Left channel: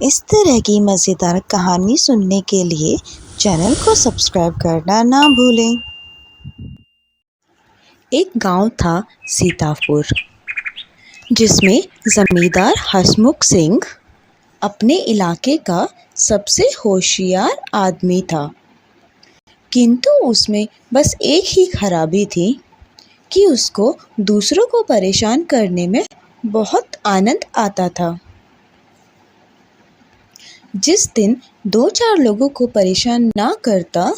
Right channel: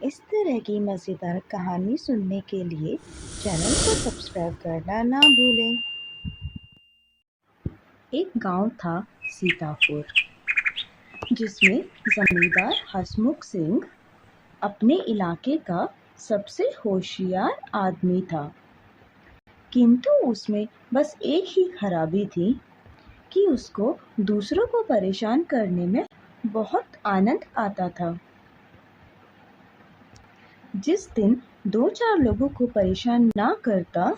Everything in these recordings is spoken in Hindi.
इस तरह की मज़ेदार कहानी सुनने के लिए चैनल को सब्सक्राइब करना ना भूलें। एक गांव था सीतापुर, जिसमें ज़मींदार हसमुख सिंह अपने इलाके का सबसे होशियार आदमी था। किंतु उसमें बस एक ही खराबी थी कि उसको दूसरों को परेशान करने में बहुत आनंद आता था। जिस दिन 2-4 लोगों को परेशान ना करता,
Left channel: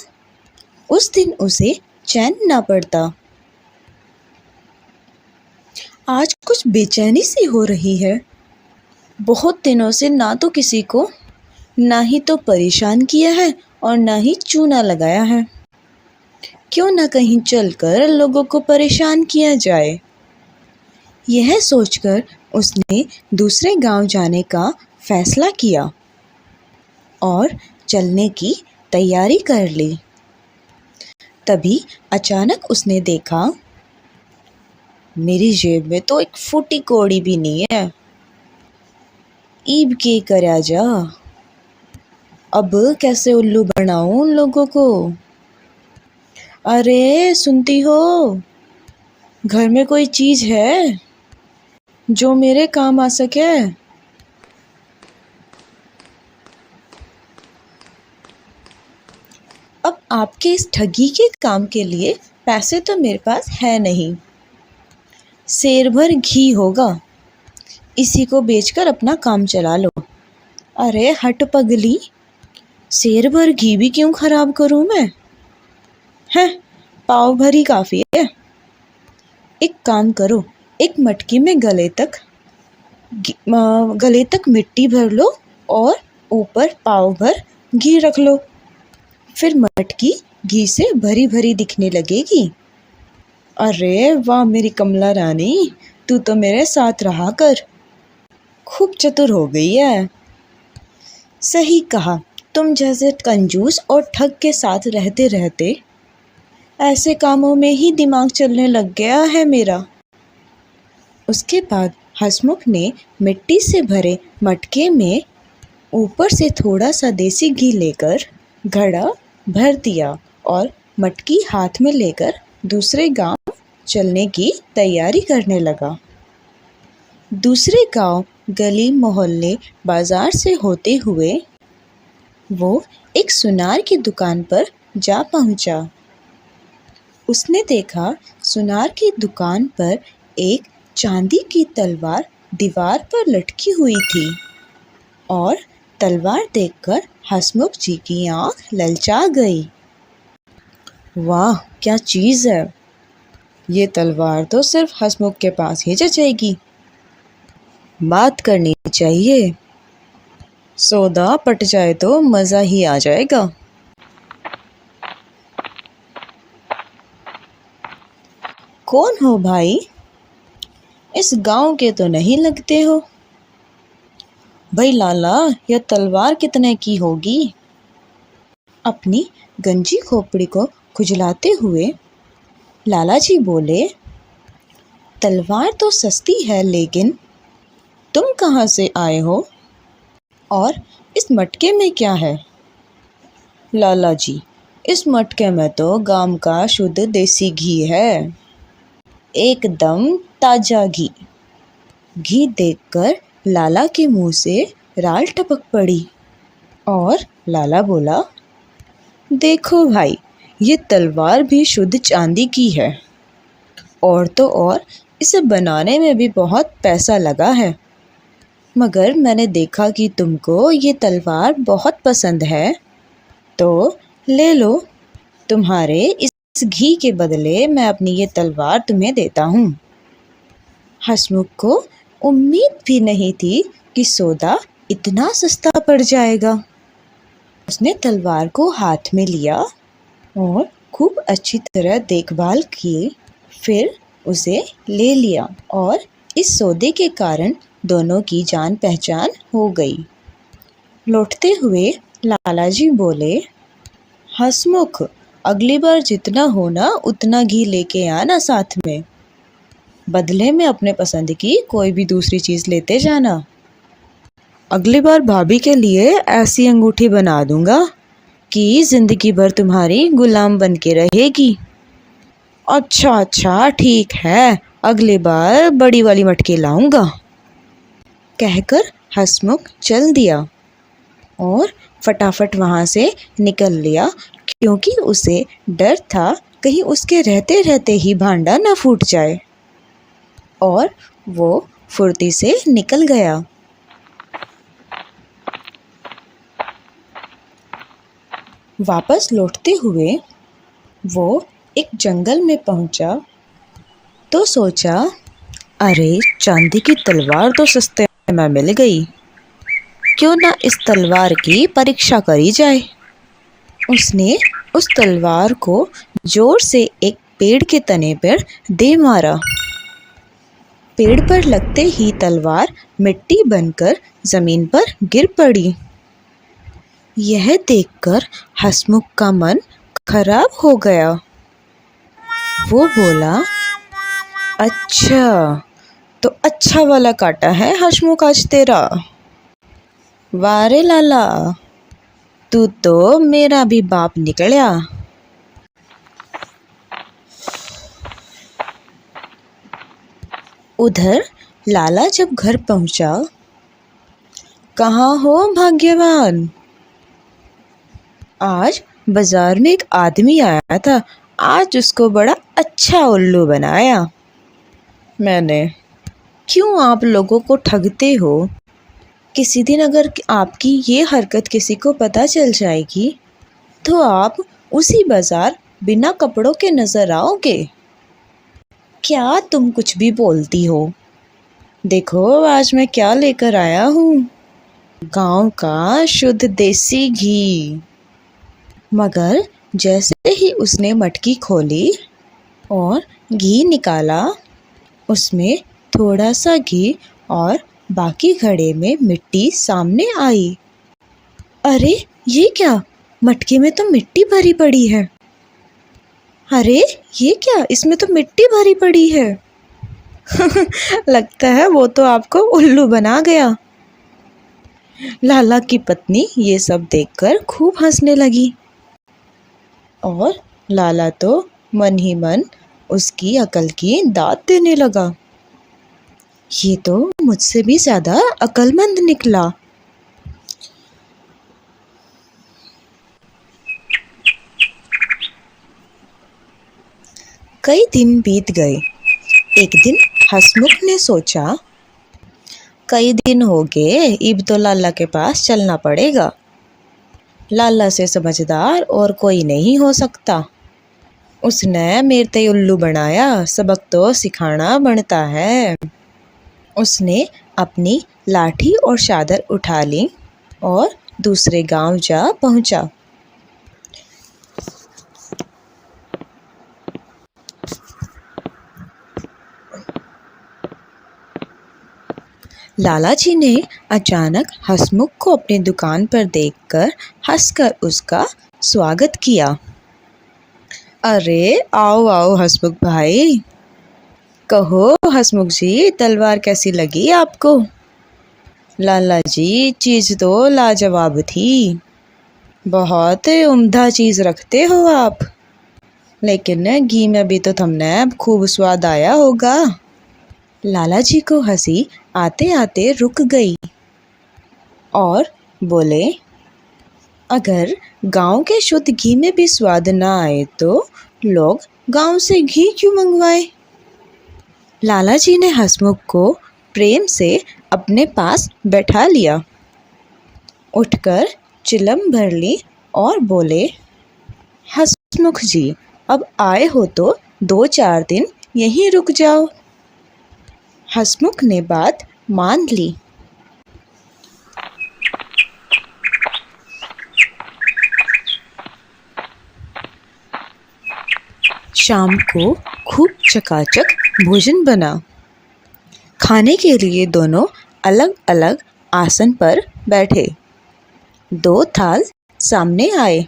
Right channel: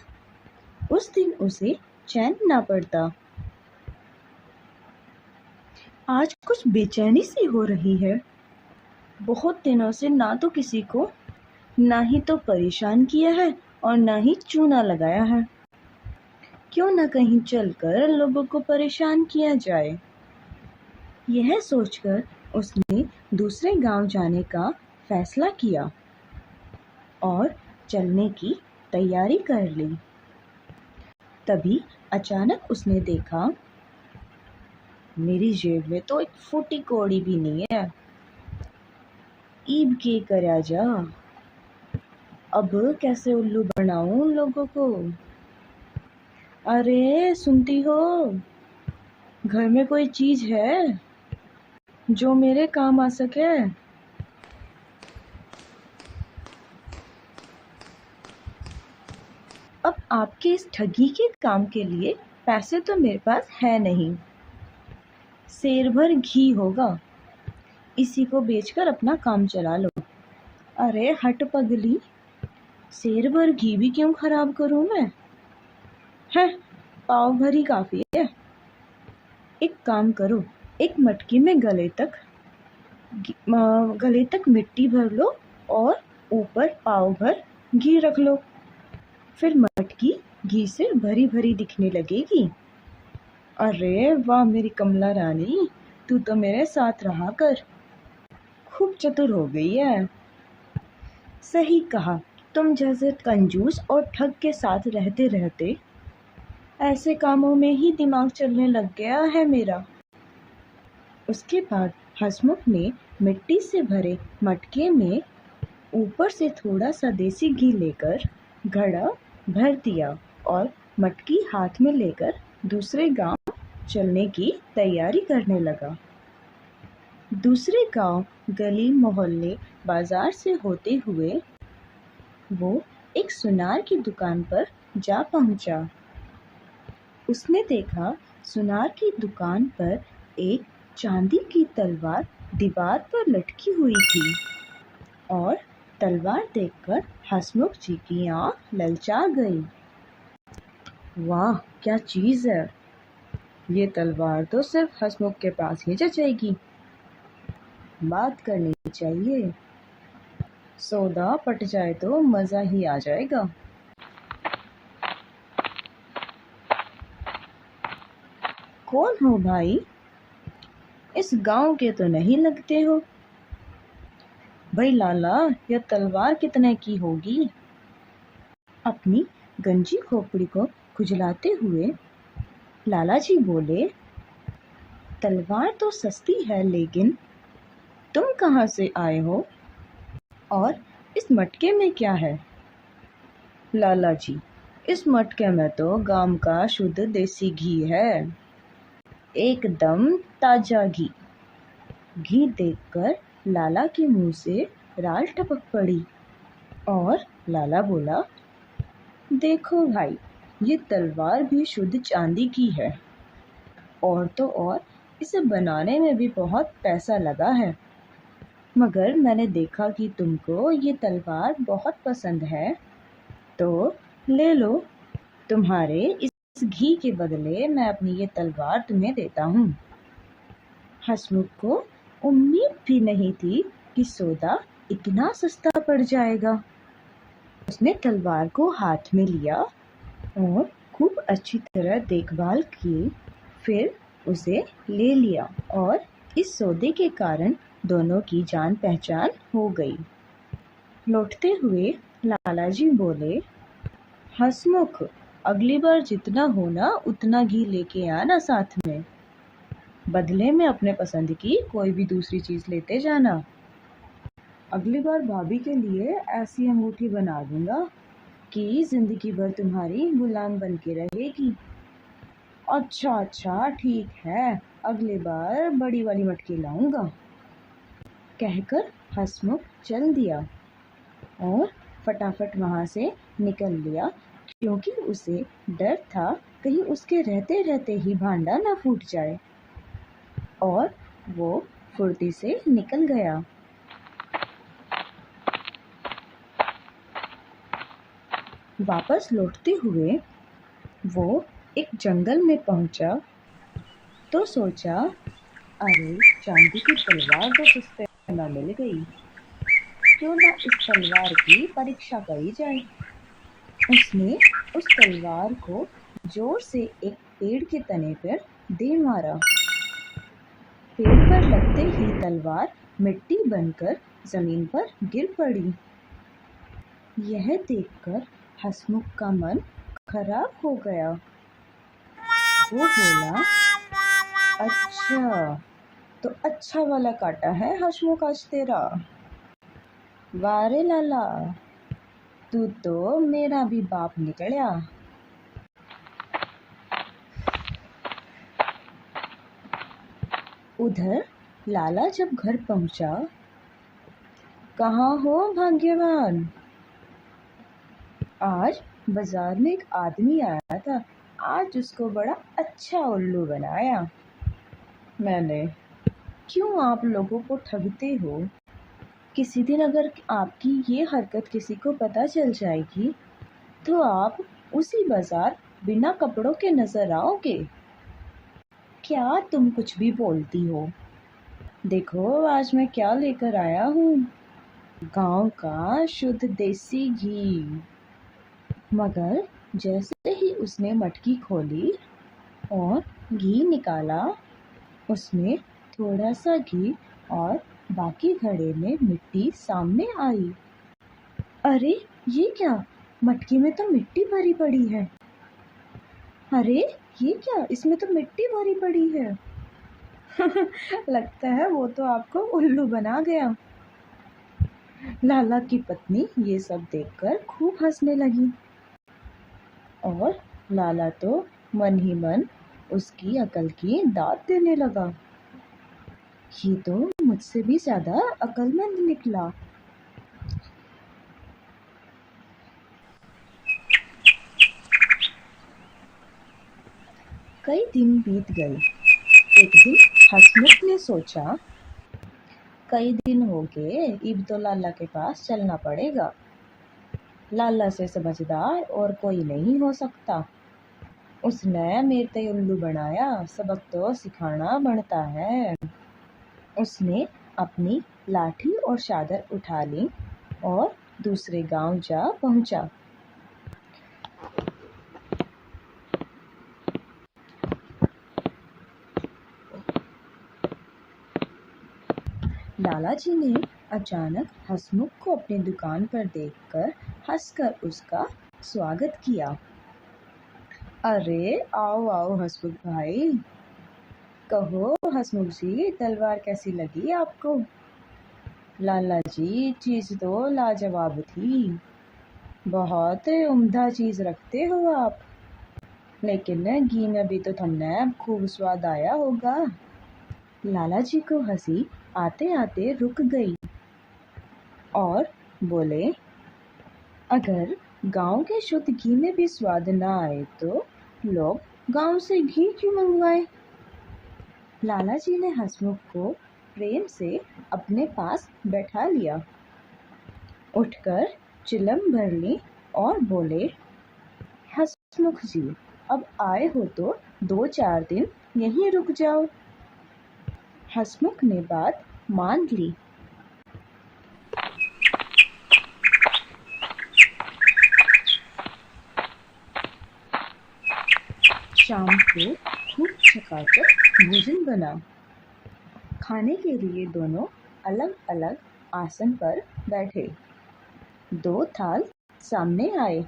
उस दिन उसे चैन ना पड़ता। आज कुछ बेचैनी सी हो रही है। बहुत दिनों से ना तो किसी को ना ही तो परेशान किया है और ना ही चूना लगाया है। क्यों ना कहीं चलकर लोगों को परेशान किया जाए। यह सोचकर उसने दूसरे गांव जाने का फैसला किया और चलने की तैयारी कर ली। तभी अचानक उसने देखा, मेरी जेब में तो एक फूटी कौड़ी भी नहीं है। ईब के करया जा, अब कैसे उल्लू बनाऊं उन लोगों को। अरे सुनती हो, घर में कोई चीज़ है जो मेरे काम आ सके? अब आपके इस ठगी के काम के लिए पैसे तो मेरे पास है नहीं। सेर भर घी होगा, इसी को बेचकर अपना काम चला लो। अरे हट पगली, सेर भर घी भी क्यों खराब करूं मैं? है, पाव भरी काफ़ी है। एक काम करो, एक मटकी में गले तक मिट्टी भर लो और ऊपर पाव भर घी रख लो। फिर मटकी घी से भरी भरी दिखने लगेगी। अरे वाह मेरी कमला रानी, तू तो मेरे साथ रहा कर। खूब चतुर हो गई है। सही कहा, तुम जैसे कंजूस और ठग के साथ रहते रहते ऐसे कामों में ही दिमाग चलने लग गया है मेरा। उसके बाद हसमुख ने मिट्टी से भरे मटके में ऊपर से थोड़ा सा देसी घी लेकर घड़ा भर दिया और मटकी हाथ में लेकर दूसरे गांव चलने की तैयारी करने लगा। दूसरे गांव, गली मोहल्ले, बाजार से होते हुए वो एक सुनार की दुकान पर जा पहुंचा। उसने देखा, सुनार की दुकान पर एक चांदी की तलवार दीवार पर लटकी हुई थी और तलवार देखकर हसमुख जी की आंख ललचा गई। वाह क्या चीज़ है! ये तलवार तो सिर्फ हसमुख के पास ही जचेगी। बात करनी चाहिए, सौदा पट जाए तो मज़ा ही आ जाएगा। कौन हो भाई? इस गांव के तो नहीं लगते हो। भाई लाला, यह तलवार कितने की होगी? अपनी गंजी खोपड़ी को खुजलाते हुए लाला जी बोले, तलवार तो सस्ती है, लेकिन तुम कहाँ से आए हो और इस मटके में क्या है? लाला जी, इस मटके में तो गांव का शुद्ध देसी घी है, एकदम ताजा घी। घी देखकर लाला के मुंह से राल टपक पड़ी और लाला बोला, देखो भाई, ये तलवार भी शुद्ध चांदी की है और तो और इसे बनाने में भी बहुत पैसा लगा है। मगर मैंने देखा कि तुमको ये तलवार बहुत पसंद है, तो ले लो। तुम्हारे इस घी के बदले मैं अपनी ये तलवार तुम्हें देता हूँ। हसमुख को उम्मीद भी नहीं थी कि सौदा इतना सस्ता पड़ जाएगा। उसने तलवार को हाथ में लिया और खूब अच्छी तरह देखभाल की, फिर उसे ले लिया और इस सौदे के कारण दोनों की जान पहचान हो गई। लौटते हुए लाला जी बोले, हसमुख, अगली बार जितना हो ना उतना घी लेके आना साथ में। बदले में अपने पसंद की कोई भी दूसरी चीज़ लेते जाना। अगली बार भाभी के लिए ऐसी अंगूठी बना दूंगा कि जिंदगी भर तुम्हारी गुलाम बन के रहेगी। अच्छा अच्छा ठीक है, अगली बार बड़ी वाली मटकी लाऊंगा, कहकर हंसमुख चल दिया और फटाफट वहाँ से निकल लिया, क्योंकि उसे डर था कहीं उसके रहते रहते ही भांडा न फूट जाए। और वो फुर्ती से निकल गया। वापस लौटते हुए वो एक जंगल में पहुंचा तो सोचा, अरे चांदी की तलवार तो सस्ते में मिल गई, क्यों ना इस तलवार की परीक्षा करी जाए। उसने उस तलवार को जोर से एक पेड़ के तने पर दे मारा। पेड़ पर लगते ही तलवार मिट्टी बनकर जमीन पर गिर पड़ी। यह देखकर हंसमुख का मन खराब हो गया। वो बोला, अच्छा तो अच्छा वाला काटा है हंसमुख आज तेरा। वारे लाला, तू तो मेरा भी बाप निकला। उधर लाला जब घर पहुंचा, कहाँ हो भाग्यवान, आज बाजार में एक आदमी आया था, आज उसको बड़ा अच्छा उल्लू बनाया मैंने। क्यों आप लोगों को ठगते हो? किसी दिन अगर आपकी ये हरकत किसी को पता चल जाएगी तो आप उसी बाजार बिना कपड़ों के नजर आओगे। क्या तुम कुछ भी बोलती हो? देखो आज मैं क्या लेकर आया हूँ, गांव का शुद्ध देसी घी। मगर जैसे ही उसने मटकी खोली और घी निकाला, उसमें थोड़ा सा घी और बाकी घड़े में मिट्टी सामने आई। अरे ये क्या, मटकी में तो मिट्टी भरी पड़ी है। अरे ये क्या, इसमें तो मिट्टी भरी पड़ी है। लगता है वो तो आपको उल्लू बना गया। लाला की पत्नी ये सब देखकर खूब हंसने लगी और लाला तो मन ही मन उसकी अकल की दाद देने लगा। ये तो मुझसे भी ज्यादा अक्लमंद निकला। कई दिन बीत गए। एक दिन हंसमुख ने सोचा, कई दिन हो गए, अब तो लाला के पास चलना पड़ेगा। लाला से समझदार और कोई नहीं हो सकता। उसने मेरे ते उल्लू बनाया, सबक तो सिखाना बनता है। उसने अपनी लाठी और चादर उठा ली और दूसरे गांव जा पहुंचा। लाला जी ने अचानक हंसमुख को अपनी दुकान पर देखकर हंसकर उसका स्वागत किया। अरे आओ आओ हंसमुख भाई, कहो हंसमुख जी, तलवार कैसी लगी आपको? लाला जी चीज़ तो लाजवाब थी, बहुत उम्दा चीज़ रखते हो आप, लेकिन घी में भी तो तुमने खूब स्वाद आया होगा। लाला जी को हंसी आते आते रुक गई और बोले, अगर गांव के शुद्ध घी में भी स्वाद ना आए तो लोग गांव से घी क्यों मंगवाए? लाला जी ने हंसमुख को प्रेम से अपने पास बैठा लिया, उठकर चिलम भर ली और बोले, हंसमुख जी अब आए हो तो 2-4 दिन यहीं रुक जाओ। हंसमुख ने बात मान ली। शाम को खूब चकाचक भोजन बना। खाने के लिए दोनों अलग अलग आसन पर बैठे। 2 थाल सामने आए।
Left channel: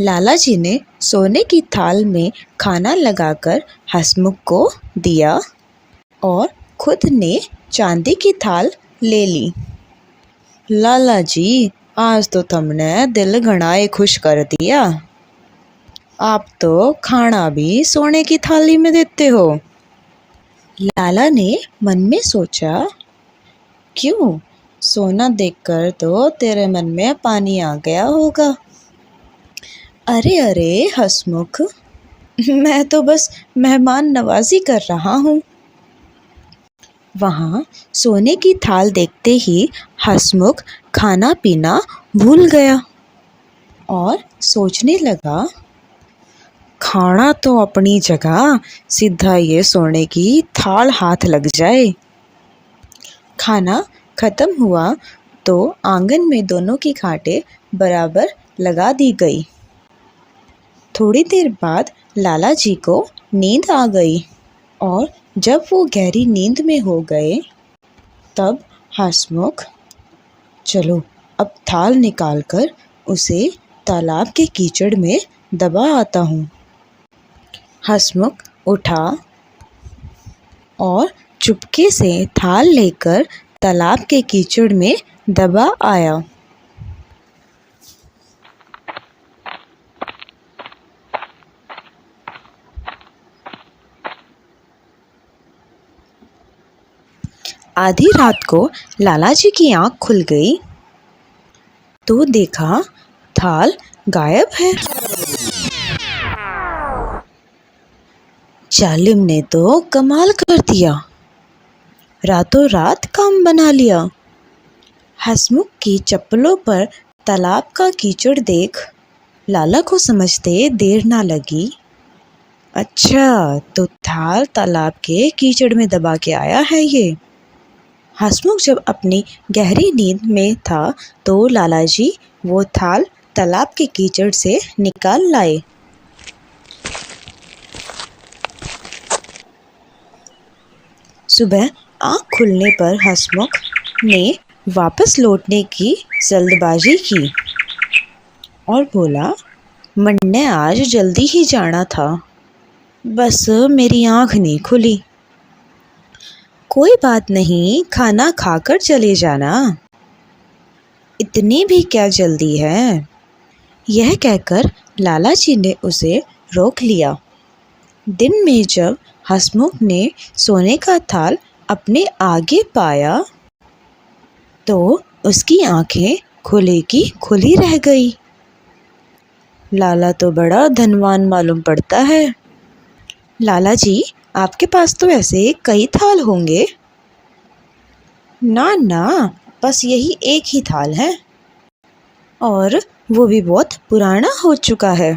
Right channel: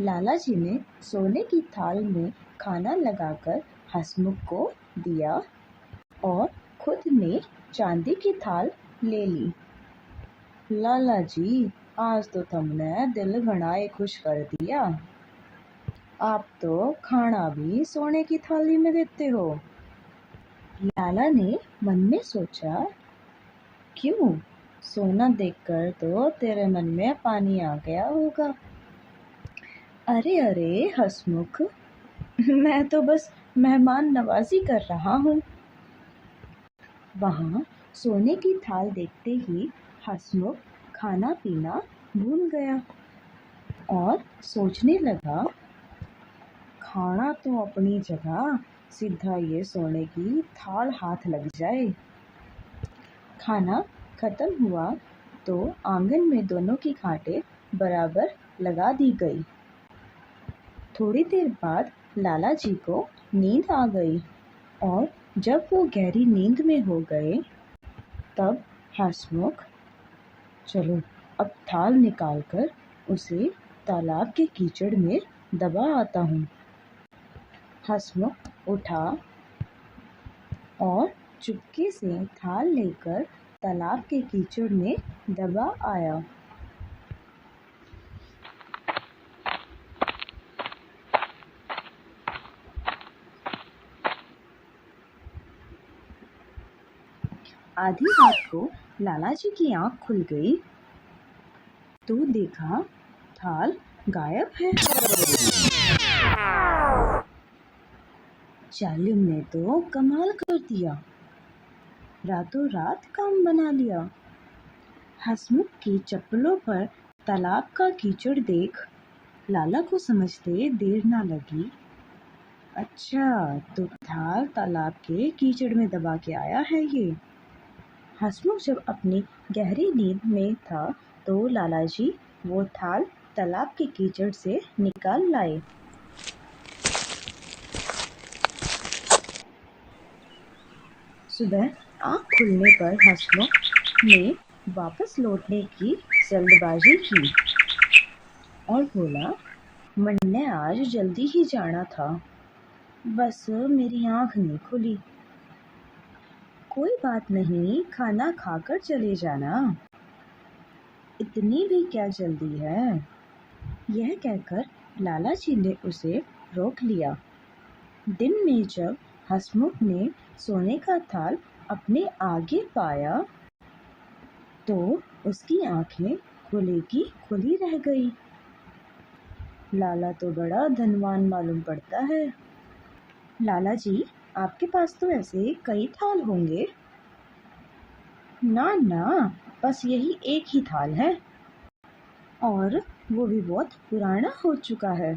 लाला जी ने सोने की थाल में खाना लगाकर हंसमुख को दिया और खुद ने चांदी की थाल ले ली। लाला जी, आज तो तुमने दिल घणाए खुश कर दिया। आप तो खाना भी सोने की थाली में देते हो। लाला ने मन में सोचा, क्यों, सोना देखकर तो तेरे मन में पानी आ गया होगा। अरे अरे हंसमुख, मैं तो बस मेहमान नवाजी कर रहा हूँ। वहाँ सोने की थाल देखते ही हंसमुख खाना पीना भूल गया और सोचने लगा, खाना तो अपनी जगह, सीधा ये सोने की थाल हाथ लग जाए। खाना खत्म हुआ तो आंगन में दोनों की खाटें बराबर लगा दी गई। थोड़ी देर बाद लाला जी को नींद आ गई और जब वो गहरी नींद में हो गए तब हंसमुख, चलो अब थाल निकालकर उसे तालाब के कीचड़ में दबा आता हूँ। हंसमुख उठा और चुपके से थाल लेकर तालाब के कीचड़ में दबा आया। आधी रात को लाला जी की आंख खुल गई तो देखा थाल गायब है। जालिम ने तो कमाल कर दिया, रातों रात काम बना लिया। हंसमुख की चप्पलों पर तालाब का कीचड़ देख लाला को समझते देर ना लगी। अच्छा, तो थाल तालाब के कीचड़ में दबा के आया है ये। हंसमुख जब अपनी गहरी नींद में था तो लाला जी वो थाल तालाब के कीचड़ से निकाल लाए। सुबह आँख खुलने पर हंसमुख ने वापस लौटने की जल्दबाजी की और बोला, मैंने आज जल्दी ही जाना था, बस मेरी आँख नहीं खुली। कोई बात नहीं, खाना खाकर चले जाना, इतनी भी क्या जल्दी है। यह कहकर लाला जी ने उसे रोक लिया। दिन में जब हंसमुख ने सोने का थाल अपने आगे पाया तो उसकी आंखें खुली की खुली रह गई। लाला तो बड़ा धनवान मालूम पड़ता है। लाला जी, आपके पास तो ऐसे कई थाल होंगे। ना ना, बस यही एक ही थाल है और वो भी बहुत पुराना हो चुका है।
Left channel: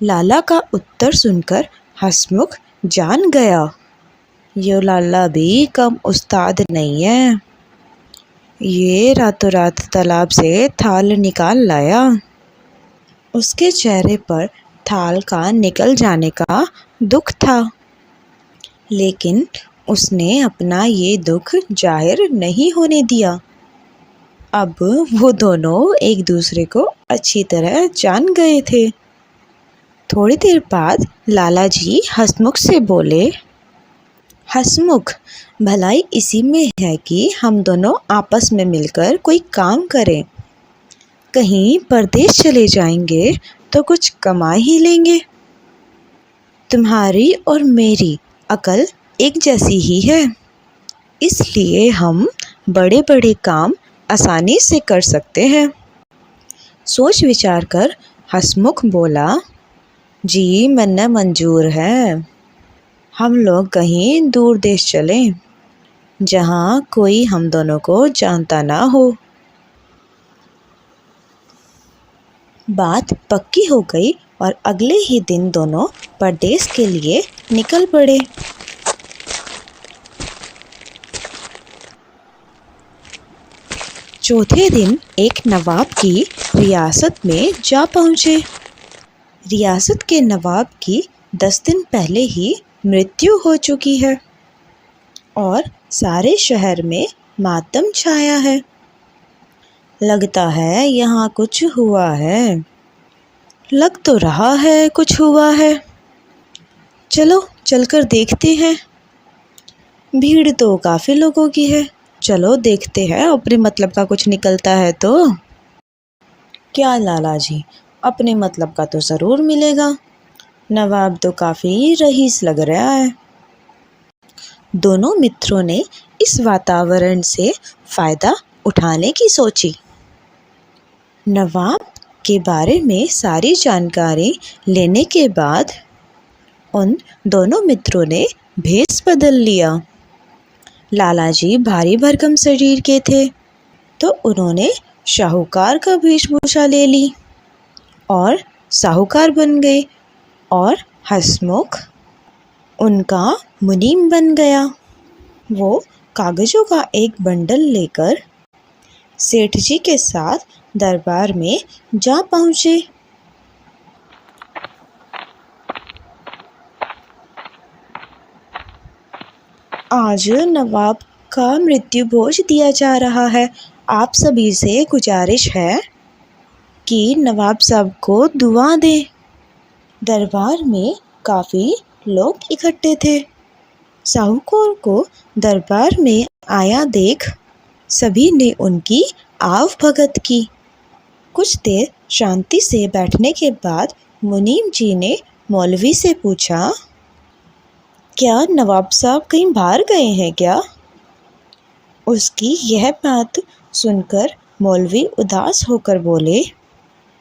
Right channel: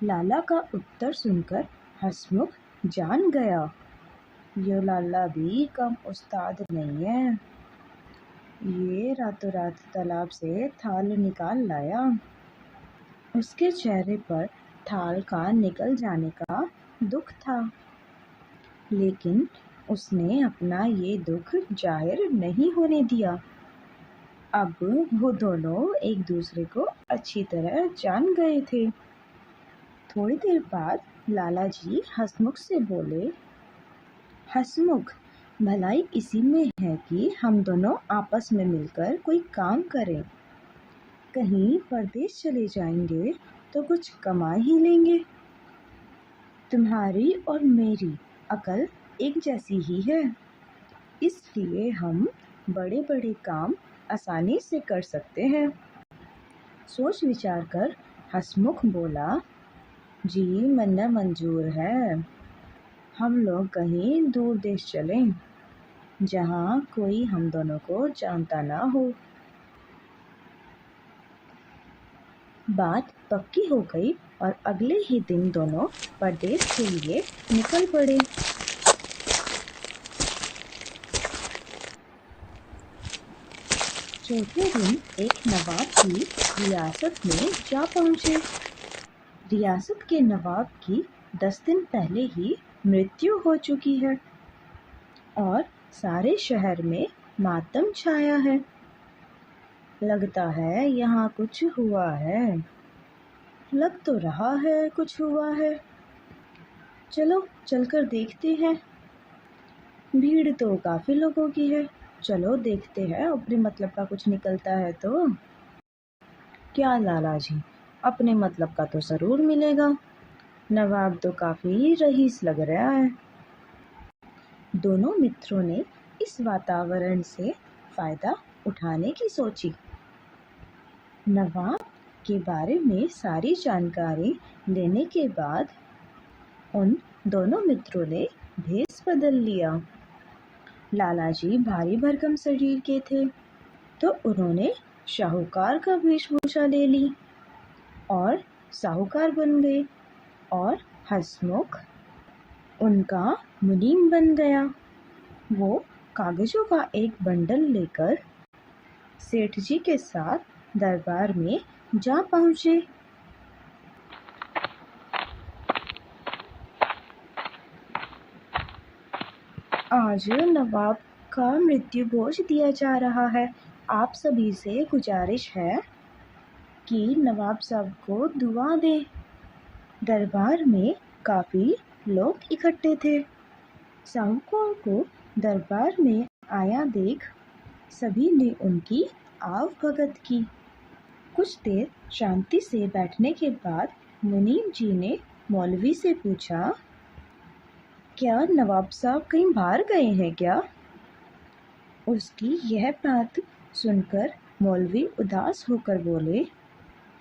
लाला का उत्तर सुनकर हंसमुख जान गया, ये लाला भी कम उस्ताद नहीं है। ये रातों रात तालाब से थाल निकाल लाया। उसके चेहरे पर थाल का निकल जाने का दुख था, लेकिन उसने अपना ये दुख जाहिर नहीं होने दिया। अब वो दोनों एक दूसरे को अच्छी तरह जान गए थे। थोड़ी देर बाद लाला जी हंसमुख से बोले, हंसमुख, भलाई इसी में है कि हम दोनों आपस में मिलकर कोई काम करें। कहीं परदेश चले जाएंगे तो कुछ कमा ही लेंगे। तुम्हारी और मेरी अकल एक जैसी ही है, इसलिए हम बड़े बड़े काम आसानी से कर सकते हैं। सोच विचार कर हंसमुख बोला, जी मन्ना मंजूर है। हम लोग कहीं दूर देश चलें जहाँ कोई हम दोनों को जानता ना हो। बात पक्की हो गई और अगले ही दिन दोनों परदेश के लिए निकल पड़े। चौथे दिन एक नवाब की रियासत में जा पहुँचे। रियासत के नवाब की 10 दिन पहले ही मृत्यु हो चुकी है और सारे शहर में मातम छाया है। लगता है यहाँ कुछ हुआ है। लग तो रहा है कुछ हुआ है। चलो चलकर देखते हैं। भीड़ तो काफ़ी लोगों की है, चलो देखते हैं अपने मतलब का कुछ निकलता है तो। क्या लाला जी, अपने मतलब का तो ज़रूर मिलेगा। नवाब तो काफ़ी रईस लग रहा है। दोनों मित्रों ने इस वातावरण से फ़ायदा उठाने की सोची। नवाब के बारे में सारी जानकारी लेने के बाद उन दोनों मित्रों ने भेष बदल लिया। लाला जी भारी भरकम शरीर के थे, तो उन्होंने शाहूकार का वेशभूषा ले ली और साहूकार बन गए, और हंसमुख उनका मुनीम बन गया। वो कागजों का एक बंडल लेकर सेठ जी के साथ दरबार में जा पहुँचे। आज नवाब का मृत्यु भोज दिया जा रहा है। आप सभी से गुजारिश है कि नवाब साहब को दुआ दें। दरबार में काफ़ी लोग इकट्ठे थे। साहूकार को दरबार में आया देख सभी ने उनकी आव भगत की। कुछ देर शांति से बैठने के बाद मुनीम जी ने मौलवी से पूछा, क्या नवाब साहब कहीं बाहर गए हैं क्या? उसकी यह बात सुनकर मौलवी उदास होकर बोले,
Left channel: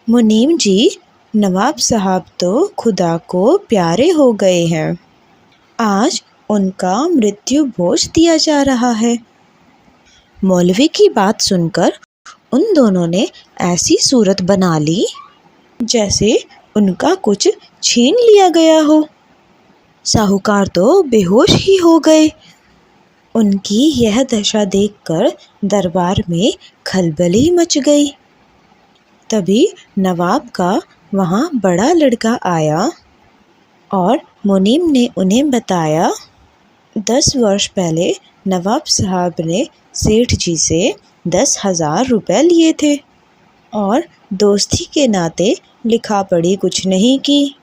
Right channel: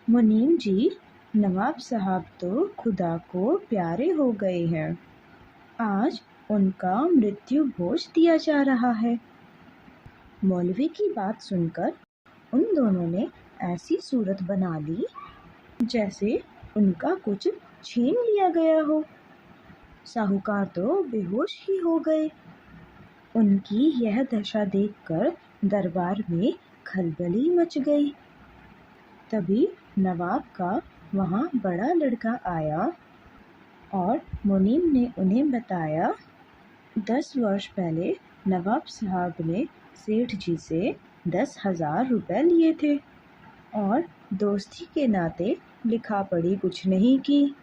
मुनीम जी, नवाब साहब तो खुदा को प्यारे हो गए हैं। आज उनका मृत्यु भोज दिया जा रहा है। मौलवी की बात सुनकर उन दोनों ने ऐसी सूरत बना ली जैसे उनका कुछ छीन लिया गया हो। साहूकार तो बेहोश ही हो गए। उनकी यह दशा देखकर दरबार में खलबली मच गई। तभी नवाब का वहाँ बड़ा लड़का आया और मुनीम ने उन्हें बताया, 10 वर्ष पहले नवाब साहब ने सेठ जी से 10,000 रुपये लिए थे और दोस्ती के नाते लिखा पढ़ी कुछ नहीं की,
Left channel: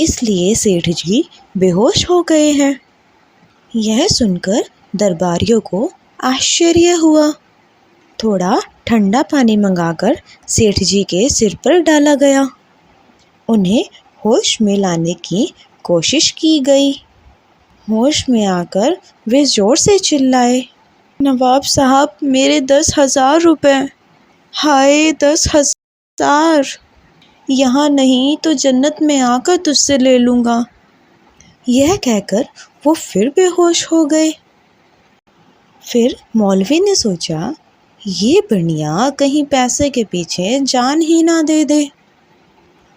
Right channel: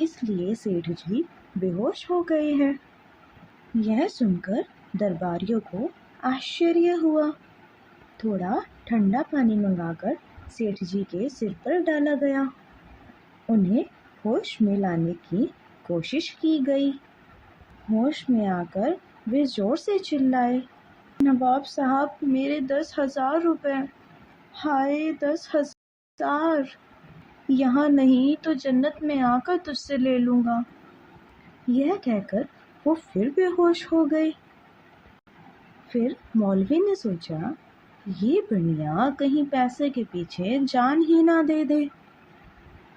इसलिए सेठ जी बेहोश हो गए हैं। यह सुनकर दरबारियों को आश्चर्य हुआ। थोड़ा ठंडा पानी मंगाकर सेठ जी के सिर पर डाला गया। उन्हें होश में लाने की कोशिश की गई। होश में आकर वे ज़ोर से चिल्लाए, नवाब साहब, मेरे 10,000 रुपये, हाय 10,000, यहाँ नहीं तो जन्नत में आकर तुझसे ले लूँगा। यह कहकर वो फिर बेहोश हो गए। फिर मौलवी ने सोचा, ये बनिया कहीं पैसे के पीछे जान ही ना दे दे।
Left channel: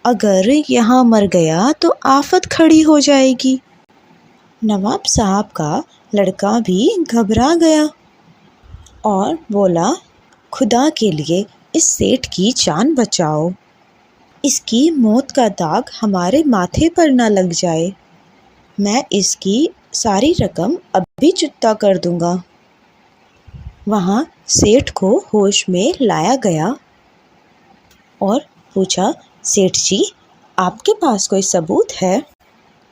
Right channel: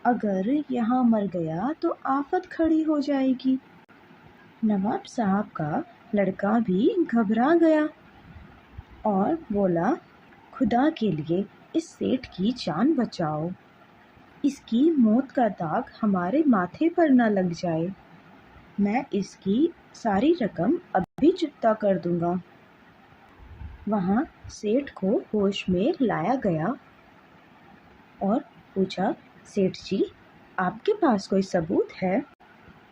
अगर यहाँ मर गया तो आफत खड़ी हो जाएगी। नवाब साहब का लड़का भी घबरा गया और बोला, खुदा के लिए इस सेठ की जान बचाओ। इसकी मौत का दाग हमारे माथे पर न लग जाए। मैं इसकी सारी रकम अभी चुकता कर दूंगा। वहाँ सेठ को होश में लाया गया और पूछा, सेठ जी, आपके पास कोई सबूत है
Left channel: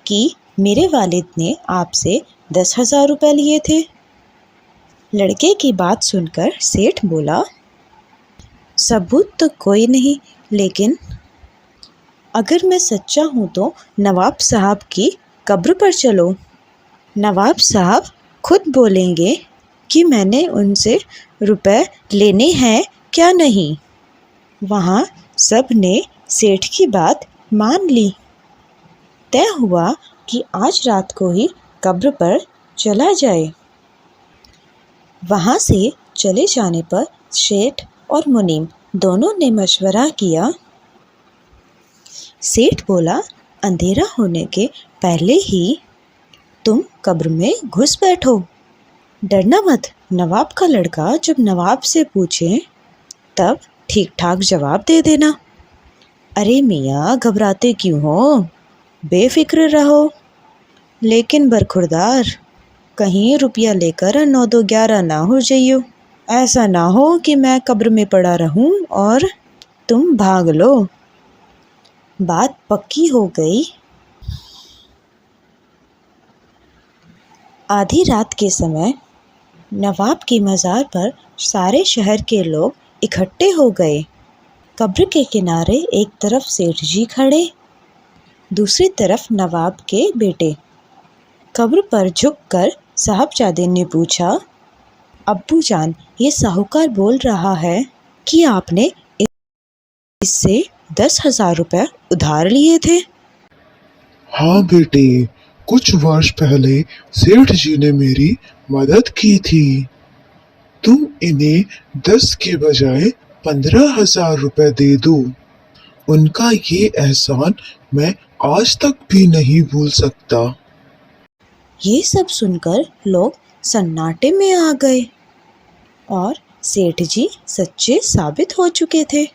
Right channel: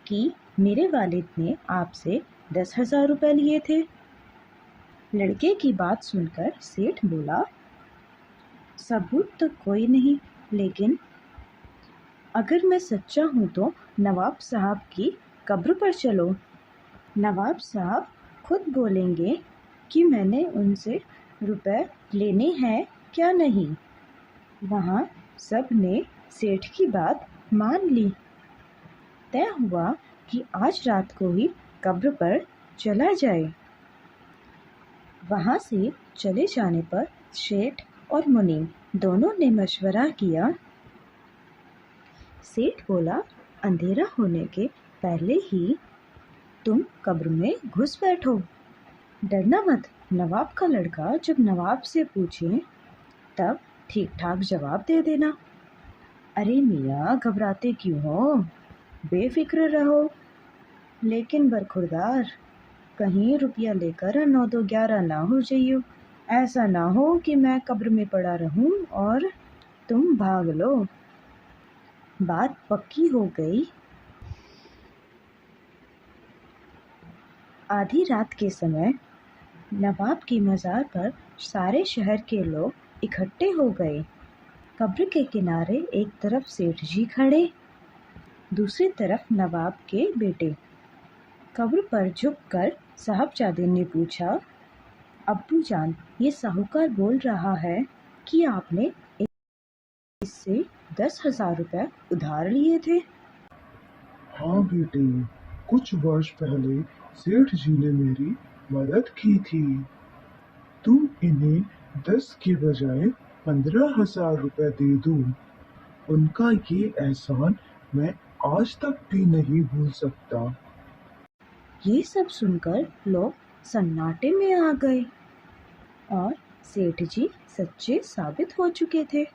कि मेरे वालिद ने आपसे 10,000 रुपये लिए थे? लड़के की बात सुनकर सेठ बोला, सबूत तो कोई नहीं, लेकिन अगर मैं सच्चा हूँ तो नवाब साहब की कब्र पर चलो। नवाब साहब खुद बोलेंगे कि मैंने उनसे रुपए लेने हैं क्या नहीं। वहाँ सब ने सेठ की बात मान ली। तय हुआ कि आज रात को ही कब्र पर चला जाए। वहाँ से चले जाने पर सेठ और मुनीम दोनों ने मशवरा किया। सेठ बोला, अंधेरा होने के पहले ही तुम कब्र में घुस बैठो। डरना मत। नवाब का लड़का जब नवाब से पूछे तब ठीक ठाक जवाब दे देना। अरे मियाँ, घबराते क्यों हो? बेफिक्र रहो। लेकिन बरखुरदार, कहीं रुपया लेकर 9-2-11 ना हो जाइयो। ऐसा ना हो कि मैं कब्र में पड़ा रहूं और तुम भाग लो। बात पक्की हो गई। आधी रात के समय नवाब की मज़ार पर सारे शहर के लोग इकट्ठे हो गए। कब्र के किनारे एक तरफ सेठ जी खड़े, दूसरी तरफ नवाब के बेटे। कब्र पर झुककर साहबजादे ने पूछा, अब्बू जान, ये साहूकार बोल रहा है कि आपने इससे 10,000 रुपये उधार लिए थे। हाँ बेटे, कुछ वर्ष पहले सेठ जी ने मेरी मदद की थी। तुम इन्हें 10 के बजाय 15,000 रुपये दे दो। उनका ये एहसान मैं आज तक भी नहीं भूल सकता। ये सब सुनकर लोग सन्नाटे में आ गए और सेठ जी सच्चे साबित हो चुके थे।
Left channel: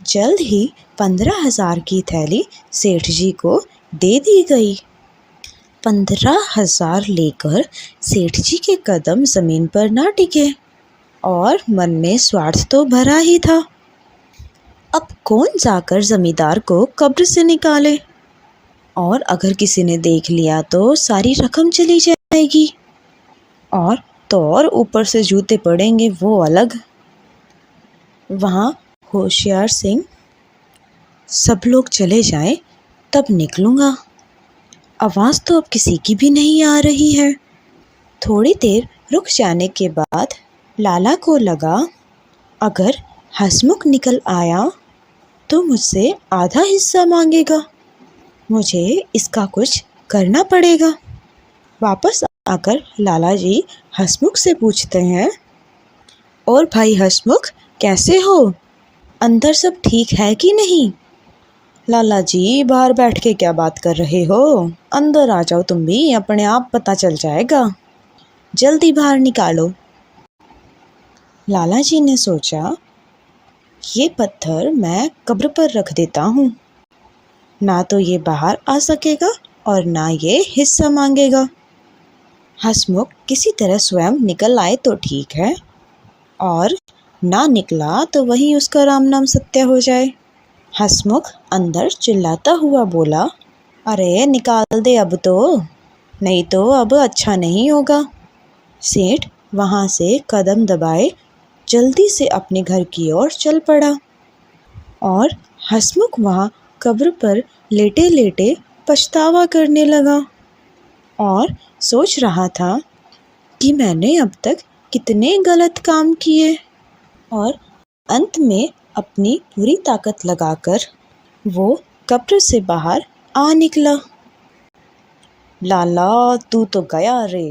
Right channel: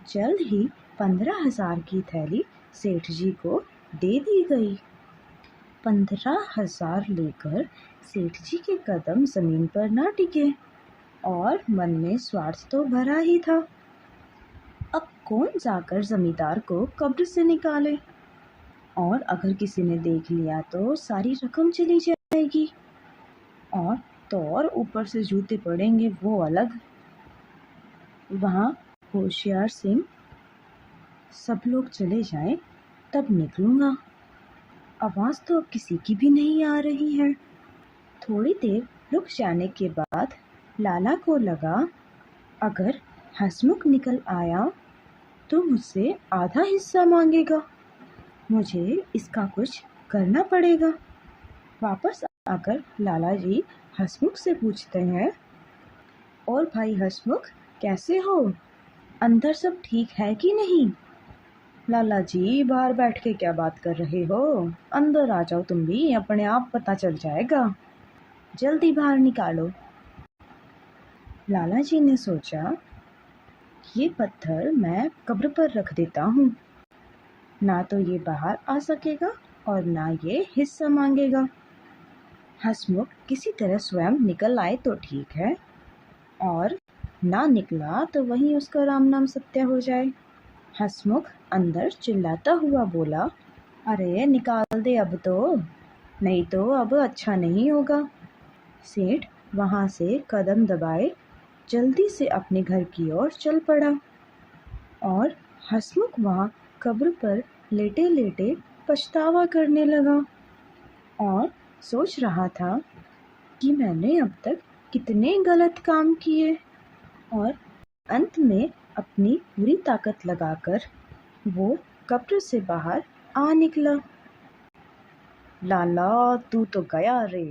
जल्द ही 15,000 की थैली सेठ जी को दे दी गई। 15,000 लेकर सेठ जी के कदम जमीन पर ना टिके और मन में स्वार्थ तो भरा ही था। अब कौन जाकर जमींदार को कब्र से निकाले, और अगर किसी ने देख लिया तो सारी रकम चली जाएगी, और तो और ऊपर से जूते पड़ेंगे वो अलग। वहाँ होशियार सिंह, सब लोग चले जाएं तब निकलूँगा। आवाज़ तो अब किसी की भी नहीं आ रही है। थोड़ी देर रुक जाने के बाद लाला को लगा, अगर हंसमुख निकल आया तो मुझसे आधा हिस्सा मांगेगा। मुझे इसका कुछ करना पड़ेगा। वापस आकर लाला जी हंसमुख से पूछते हैं, और भाई हंसमुख, कैसे हो? अंदर सब ठीक है कि नहीं? लाला जी, बाहर बैठ के क्या बात कर रहे हो? अंदर आ जाओ तुम भी, अपने आप पता चल जाएगा। जल्दी बाहर निकालो। लाला जी ने सोचा, ये पत्थर मैं कब्र पर रख देता हूँ, ना तो ये बाहर आ सकेगा और ना ये हिस्सा मांगेगा। हंसमुख किसी तरह स्वयं निकल आए तो ठीक है, और ना निकला तो वहीं उसका राम नाम सत्य हो जाए। हंसमुख अंदर चिल्लाता हुआ बोला, अरे निकाल दे अब तो, नहीं तो अब अच्छा नहीं होगा। सेठ वहाँ से कदम दबाए जल्दी से अपने घर की ओर चल पड़ा, और हंसमुख वहाँ कब्र पर लेटे लेटे पछतावा करने लगा और सोच रहा था कि मैंने अब तक कितने गलत काम किए। और अंत में अपनी पूरी ताकत लगाकर वो कब्र से बाहर आ निकला। लाला, तू तो गया रे।